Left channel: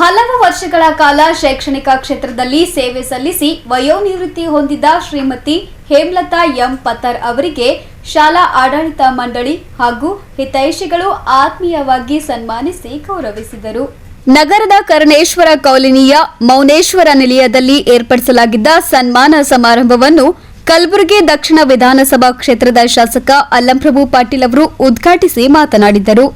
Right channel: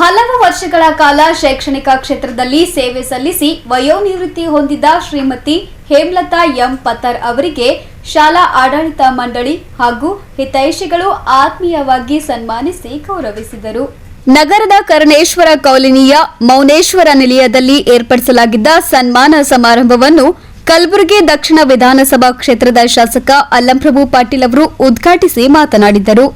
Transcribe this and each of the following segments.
ಹಲವು ವರ್ಷಗಳ ಕಾಲ ಶೈಕ್ಷಣಿಕ ಕ್ಷೇತ್ರದಲ್ಲಿ ಸೇವೆ ಸಲ್ಲಿಸಿ ವಯೋನಿವೃತ್ತಿ ಹೊಂದಿದ ಶ್ರೀಮತಿ ಹೇಮಲತಾ ಎಂ ಪತ್ತರ್ ಅವರಿಗೆ ಶಾಲಾ ಆಡಳಿತ ಮಂಡಳಿ ಹಾಗೂ ಹಿತೈಷಿಗಳು ಆತ್ಮೀಯವಾಗಿ ಸನ್ಮಾನಿಸಿ ಗೌರವಿಸಿದರು. ನಗರದ ಕರ್ಣೇಶ್ವರ ಕಾಲೋನಿಯ ಮೌನೇಶ್ವರ ನಿಲಯದಲ್ಲಿ ಏರ್ಪಡಿಸಲಾಗಿದ್ದ ಸನ್ಮಾನ ಸಮಾರಂಭವನ್ನು ಕಲಬುರಗಿ ದಕ್ಷಿಣ ವಿಧಾನಸಭಾ ಕ್ಷೇತ್ರದ ಶಾಸಕ ಅಲ್ಲಂಪ್ರಭು ಪಾಟೀಲ್ ಅವರು ಉದ್ಘಾಟಿಸಿ ಮಾತನಾಡಿದರು.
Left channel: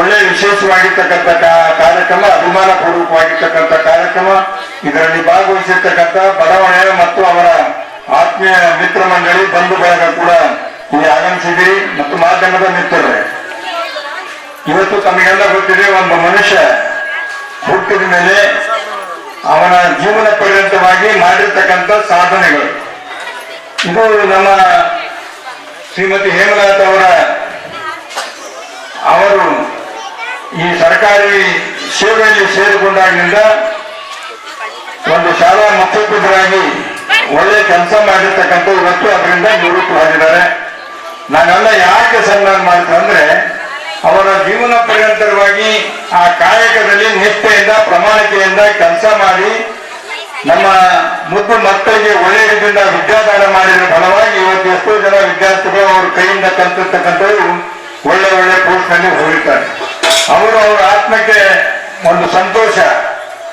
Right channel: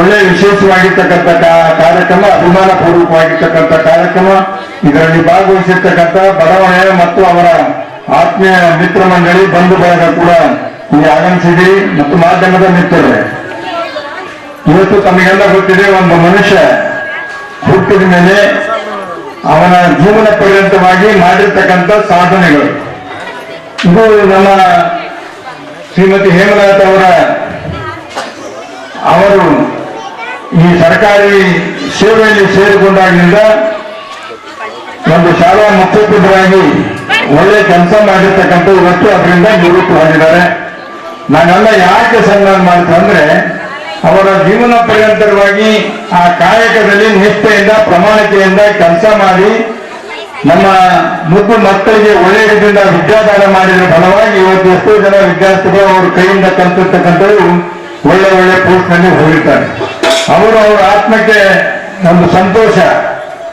ಒಳ್ಳೆ ವಿಶೇಷವಾಗಿರ್ತಕ್ಕಂಥ ಕಾರ್ಯಕ್ರಮ, ಅಭಿಮಾನ ಪೂರ್ವಕವಾಗಿರ್ತಕ್ಕಂಥ ಕಾರ್ಯಕ್ರಮ. ಇದರಲ್ಲಿ ಭಾಗವಹಿಸಿರ್ತಕ್ಕಂಥ ಬಡಾವಣೆ ಮತ್ತು ಅವರ ಆತ್ಮೀಯ ಮಿತ್ರ ಮಂಡಳಿ, ಬಂಧು ಬಳಗ ಕೂಡ ಇಲ್ಲಿ ಆಗಮಿಸಿದಿರಿ ಮತ್ತು ಮಾಧ್ಯಮದ ಮಿತ್ರರೇ, ಇವತ್ತು ತಮಗೆಲ್ಲ ಗೊತ್ತಿದೆ, ಒಂದು ಮನುಷ್ಯ ಹುಟ್ಟಿದ ಮೇಲೆ ಅವನ ಜೀವನ ಪರ್ಯಂತವಾಗಿ ಮಾಡಿರ್ತಕ್ಕಂಥ ಸಾಧನೆಗಳು. ಇದು ನಮ್ಮ ಶ್ರೀಮತಿ ಹೇಮಲತಾ ಅವರು ಈ ಸರ್ಕಾರಿ ಸೇವೆಯಲ್ಲಿ ಸೇರಿಕೊಂಡಾಗಿನಿಂದ ಒಂದು ಶಾಲಾ ಮುಖ್ಯೋಪಾಧ್ಯಾಯರಾಗಿ ಒಳ್ಳೆ ಕೆಲಸ ಮಾಡಿರ್ತಕ್ಕಂಥ ಇವತ್ತು ಅದರಿಂದ ನಿವೃತ್ತವಾಗಿದ್ದಾರೆ. ನಾನೆಲ್ಲ ಯಾಕೆ ಸನ್ಮಾನ ಮಾಡ್ತೇನೆ ಅಂದ್ರೆ, ಅವರ ಜೀವನ ಪರ್ಯಂತರವಾಗಿ ಆ ಕಾಯಕದಲ್ಲಿ ನಿಷ್ಠೆಯಿಂದ ಪ್ರಾಮಾಣಿಕೆಯಿಂದ ಕೆಲಸ ಮಾಡಿ ನಮ್ಮ ಮುದ್ದು ಮಕ್ಕಳಿಗೆ ಒಳ್ಳೆಯ ರೀತಿಯಿಂದ ವಿದ್ಯಾದಾನ ಮಾಡಿದ ಫಲವಾಗಿ ಇವತ್ತು ಎಷ್ಟೋ ಜನ ವಿದ್ಯಾರ್ಥಿಗಳು ಅವ್ರ ಕೈಯಿಂದ ಕಲಿತಿರ್ತಕ್ಕಂಥವ್ರು ಒಳ್ಳೆ ಒಳ್ಳೆ ಪೋಸ್ಟ್ ನಲ್ಲಿ ಹೋಗಿರ್ತಾರೆ. ಅವರು ಅವರ ಆತ್ಮಕ್ಕೆ ಒಂದು ಸಂತೋಷ,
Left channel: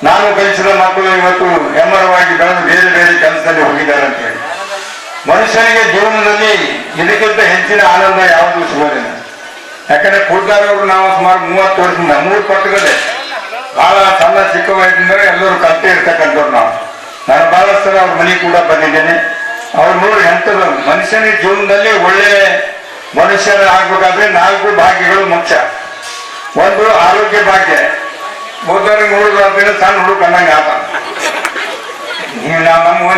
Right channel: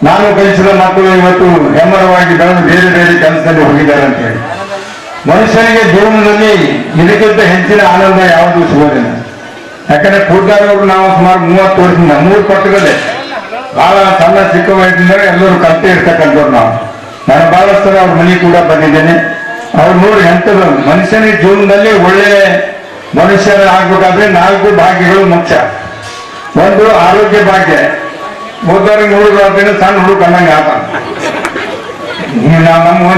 ನಾನು ಕಲಿಸಿದ ಮಕ್ಕಳು ಇವತ್ತು ಹೆಮ್ಮರವಾಗಿ ಬೆಳೆದು ಬೇರೆ ಬೇರೆ ಕೆಲಸದಲ್ಲಿ ಹೋಗಿದ್ದಾರೆ ಅಂತ ಹೇಳಿ. ಮನುಷ್ಯನಿಗೆ ಜೀವನದಲ್ಲಿ ಇದಕ್ಕಿಂತ ಹೆಚ್ಚಿನ ಆನಂದ ಯಾವುದು ಸಿಗೋದಿಲ್ಲ. ಯಾಕಂದ್ರೆ ಕೂತಾರವರು ನಾವು ಸುಮಾರು 30 ವರ್ಷದಿಂದ 3 ಪಟ್ಟಗಳೇ ಬಹಳ ಸಣ್ಣ ಚಿಕ್ಕ ವಯಸ್ಸಿಂದ ಎಲ್ಲರೂ ಕಲಿತೇ ಇರ್ತಕ್ಕಂಥವ್ರು ನಾವು. ನಾನು ಬಹಳಷ್ಟು ಅವ್ರ ಮನೆ ಕೂಡ ಬಂದಿದ್ದೇನೆ. ಅವ್ರು ನೋಡಿ ಎಂಥದ್ದು, ಮನುಷ್ಯನಿಗೆ ಜೀವನದಲ್ಲಿ ಒಳ್ಳೆ ಮನುಷ್ಯರ ಆಗ್ಬೇಕಾದ್ರೆ 4 ಭಾಗ್ಯಗಳು ಮುಖ್ಯ. ಒಂದು ಆರೋಗ್ಯ ಭಾಗ್ಯ, ಓದೋರಿಗೆ ಹುಡುಗ ಸಣ್ಣ ಹುಡುಗ ಅನ್ನಂಗೆ ಆತ.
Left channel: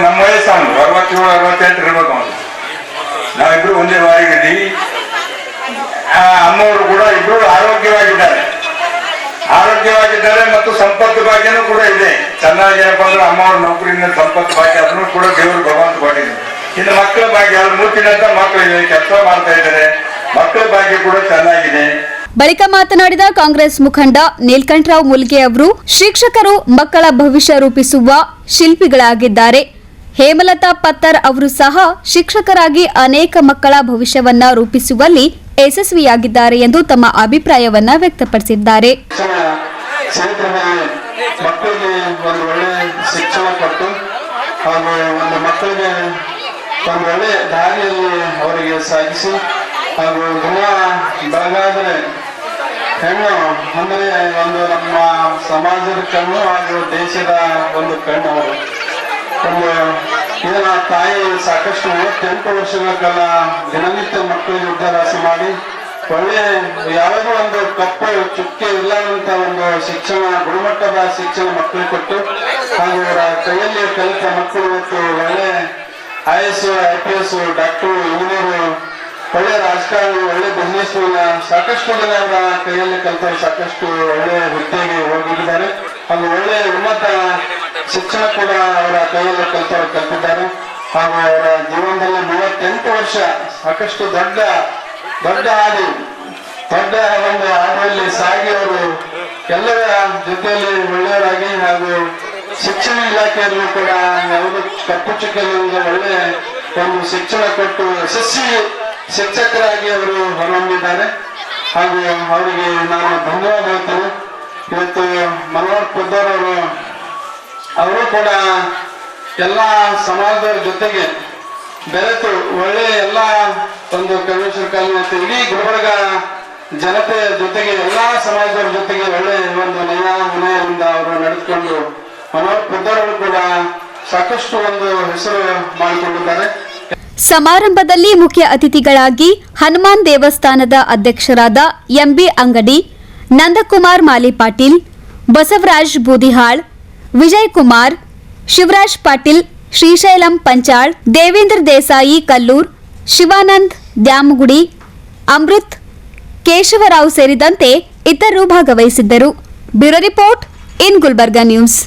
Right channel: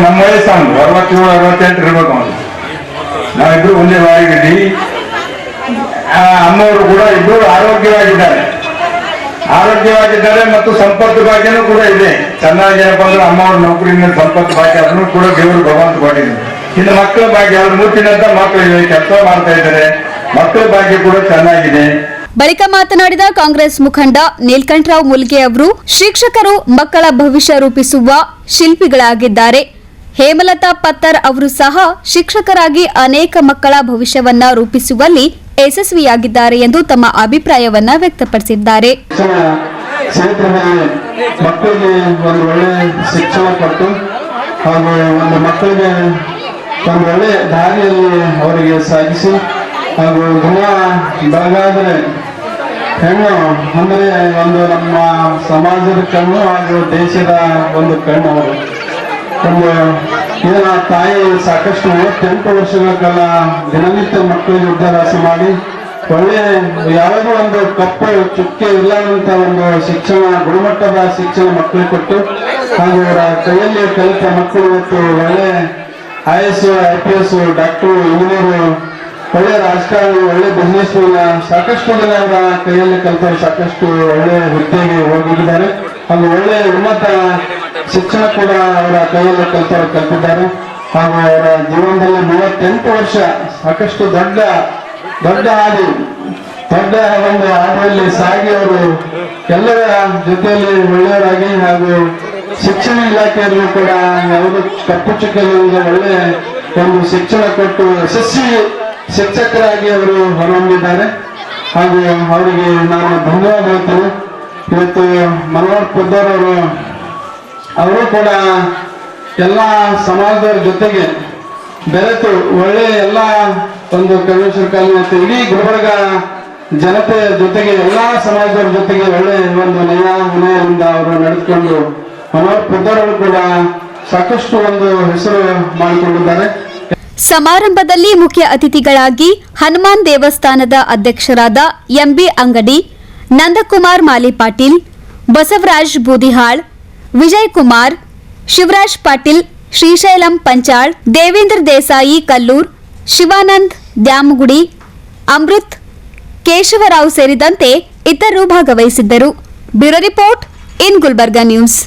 ನಮ್ಮ ವಯಸ್ಸು 67, 68 ಇರ್ಬೇಕು. ಅವನು ನಾವಿಬ್ರು ಒಂದೇ ವಾರಿಗಿದ್ದೀವಿ. ಅಮ್ಮವರು ಕೂಡ ಇಬ್ಬರು ಆರೋಗ್ಯವಾಗಿದ್ದಾರೆ ಮತ್ತು ಸಂಪತ್ತು ಭಾಗ್ಯನೂ ಕೂಡ ಇದೆ. ಚೆನ್ನಾಗಿ ಏನಪ್ಪ ಅಂದ್ರೆ ಅಮ್ಮವ್ರ ನೌಕರಿಯಿಂದ ಸಂಪತ್ತು ಭಾಗ್ಯ ಅದನ್ನು ಕೂಡ ದೇವರು ಭಗವಂತ ಕೊಟ್ಟಿದ್ದಾರೆ. ಇನ್ನು ಮಕ್ಕಳ ಭಾಗ್ಯ, ಅವ್ರ ಮೂತಿನಂತ ಮಕ್ಕಳಿದೆ, ಕೆಲಸ ಮಾಡ್ತಾ ಇದ್ದಾರೆ, ಮಕ್ಕಳ ಭಾಗ್ಯ ಕೂಡ ಚೆನ್ನಾಗಿದೆ. ಬಳಿಕ ಮಾತನಾಡಿದ ಕಾಂಗ್ರೆಸ್ ಮುಖಂಡ ನೀಲಕಂಠರಾವ್ ಮುಲ್ಗೆ ಅವರು, ಶಿಕ್ಷಕರು ಮಕ್ಕಳ ಭವಿಷ್ಯ ರೂಪಿಸುವ ಶಿಲ್ಪಿಗಳಾಗಿದ್ದಾರೆ. ಹೇಮಲತಾ ಪತ್ತರ್ ಅವರು ಸಹ ಶಿಕ್ಷಕರಾಗಿ ಅನೇಕ ಮಕ್ಕಳ ಭವಿಷ್ಯವನ್ನ ರೂಪಿಸುವಲ್ಲಿ ಯಶಸ್ವಿಯಾಗಿದ್ದಾರೆ ಎಂದು ತಮ್ಮ ಅಭಿಪ್ರಾಯವನ್ನ ವ್ಯಕ್ತಪಡಿಸಿದ್ದಾರೆ. ಮಕ್ಕಳಿಗೆ ಒಂದು ಒಳ್ಳೆ ಶಿಕ್ಷಣ ಕೊಟ್ಟು ಹಾಗೂ ಒಂದು ಮಕ್ಕಳಿಗೆ ಒಂದು ಒಳ್ಳೆ ದಾರಿಯಲ್ಲಿ ಅವರಿಗೆ ಸಾಗಿಸಿ ಹಾಗೂ ದಿನ ಬೆಳಗಾದರೆ ಹೆಣ್ಣು ಅಂದರೆ ಒಂದು ನಮ್ಮ ಸಮಾಜದ ಕಣ್ಣು ಹಾಗೂ ದೇಶದ ಒಂದು ಕಣ್ಣು. ಅವರು ಒಂದು ಇದನ್ನ ತಾಯಿ ಸಾಕಷ್ಟು 38 ವರ್ಷಗಳ ಕಾಲ ದಿನನಿತ್ಯ ಮಕ್ಕಳಿಗೆ ವಿದ್ಯಾಭ್ಯಾಸ ಮಾಡಿ ಒಳ್ಳೆ ಯಾವುದೋ ಒಂದು ಕಪ್ಪು ಚುಕ್ಕೆ ಇಲ್ಲದಂತ ಒಂದು ಶಿಕ್ಷಣ, ಗುಣಮಟ್ಟದ ಶಿಕ್ಷಣ ಮಕ್ಕಳಿಗೆ ಕೊಟ್ಟು ಹಾಗೂ ಅವರ ಕೈಯಲ್ಲಿ ಕಲಿತ ಮಕ್ಕಳು ಇವತ್ತು ಒಳ್ಳೆ IAS, IPS, ಡಾಕ್ಟರ್, ಇಂಜಿನಿಯರ್, ಒಳ್ಳೆ ರಾಜಕಾರಣಿ, ಒಳ್ಳೆ ಬಿಸ್ನೆಸ್ ಸಾಕಷ್ಟು ಜನ ಅವರ ಕೈಯಲ್ಲಿ ಕಲಿತರು ಸಾಕಷ್ಟು ಒಳ್ಳೆ ಹುದ್ದೆಗೆ ಹೋಗಿದ್ದಾರೆ. ಹಾಗೂ ಒಳ್ಳೆ ಉನ್ನತ ಶಿಕ್ಷಣ ಕೂಡ ಅವರ ಕೈಯಲ್ಲಿ ಕಲಿತಿದ್ದಾರೆ. ಹಾಗೂ ಅವರ ಜೀವನದಲ್ಲಿ 38 ವರ್ಷ ಸಾಕಷ್ಟು ದೊಡ್ಡ ಹಾದಿ, ದೊಡ್ಡ ಒಂದು ಹಾದಿಯಲ್ಲಿ ಸಾಗಿ ಅವರು ಎಲ್ಲರ ಜೊತೆಯಲ್ಲಿ ಒಳ್ಳೆಯವರಾಗಿ ಹಾಗೂ ಶಿಕ್ಷಣ ಇಲಾಖೆಯಲ್ಲೂ ಕೂಡ ಯಾವುದೇ ತಪ್ಪು ಚುಕ್ಕೆಯಿಂದ ಒಳ್ಳೆ ಒಂದು ಶಿಕ್ಷಣ ಕೊಟ್ಟು ಯಶಸ್ವಿ ಶಿಕ್ಷಕರಾಗಿ ಅವರು ಹೊರಹೊಮ್ಮಿದ್ದಾರೆ. ಹಾಗೂ ಅವರಿಗೆ ನಾನು ಧನ್ಯವಾದ ಹೇಳ್ತೇನೆ. ಇವತ್ತು ಮನೋಹರ್ ಪುದ್ದರ್ ಅವರು ಕೂಡ ಎಲ್ಲ ಸಮಾಜದವ್ರ ಜೊತೆಗೆ ಬೆರೆತು ಒಳ್ಳೆ ಎಲ್ಲ ಒಂದು ಕನ್ವೆನ್ಷನ್ ಕಾಲೇಜ್ ಮತ್ತು ಇಡೀ ಗುಲ್ಬರ್ಗ ಜನತೆಯ ಜೊತೆಗೆ ಎಲ್ಲಾ ಸಮಾಜದವ್ರ ಜೊತೆಗೆ ಒಳ್ಳೆ ಒಂದು ವಿನಯದಿಂದ ಅವರು ನಡೆದುಕೊಂಡು ಮನೋಹರ್ ಪುದ್ದರ್ ಅವರು ಕೂಡ ಸಾಕಷ್ಟು ಒಂದು ಹೆಸರು ಮಾಡಿಕೊಂಡಿದ್ದಾರೆ. ಸಮಾರಂಭದಲ್ಲಿ ಮುಖ್ಯ ಅತಿಥಿಗಳಾಗಿ ಹನುಮಾನ್ ದೇವಸ್ಥಾನದ ಅಧ್ಯಕ್ಷರಾದ ಎಂಬಿ ಅಂಗಡಿ, ನಂದಕುಮಾರ್ ಮಾಲಿ ಪಾಟೀಲ್, ಬಸವರಾಜ್ ಬೂದಿಹಾಳ್, ವಿಜಯ್ ಕುಮಾರ್, ಶಿವರಾಜ್ ಪಾಟೀಲ್, ಶ್ರೀಶೈಲಂ ಪಂಚಾಳ್, ದೇವೇಂದ್ರ ದೇಸಾಯಿ ಕಲ್ಲೂರ್, ಶಿವಾನಂದ್ ದ್ಯಾಮಗುಡಿ, ಅಮೃತ್ ಕೇಶವರಾವ್ ಸೇರಿದಂತೆ ಇತರರು ಭಾಗವಹಿಸಿದ್ದರು. Bureau report in Gulbarga news.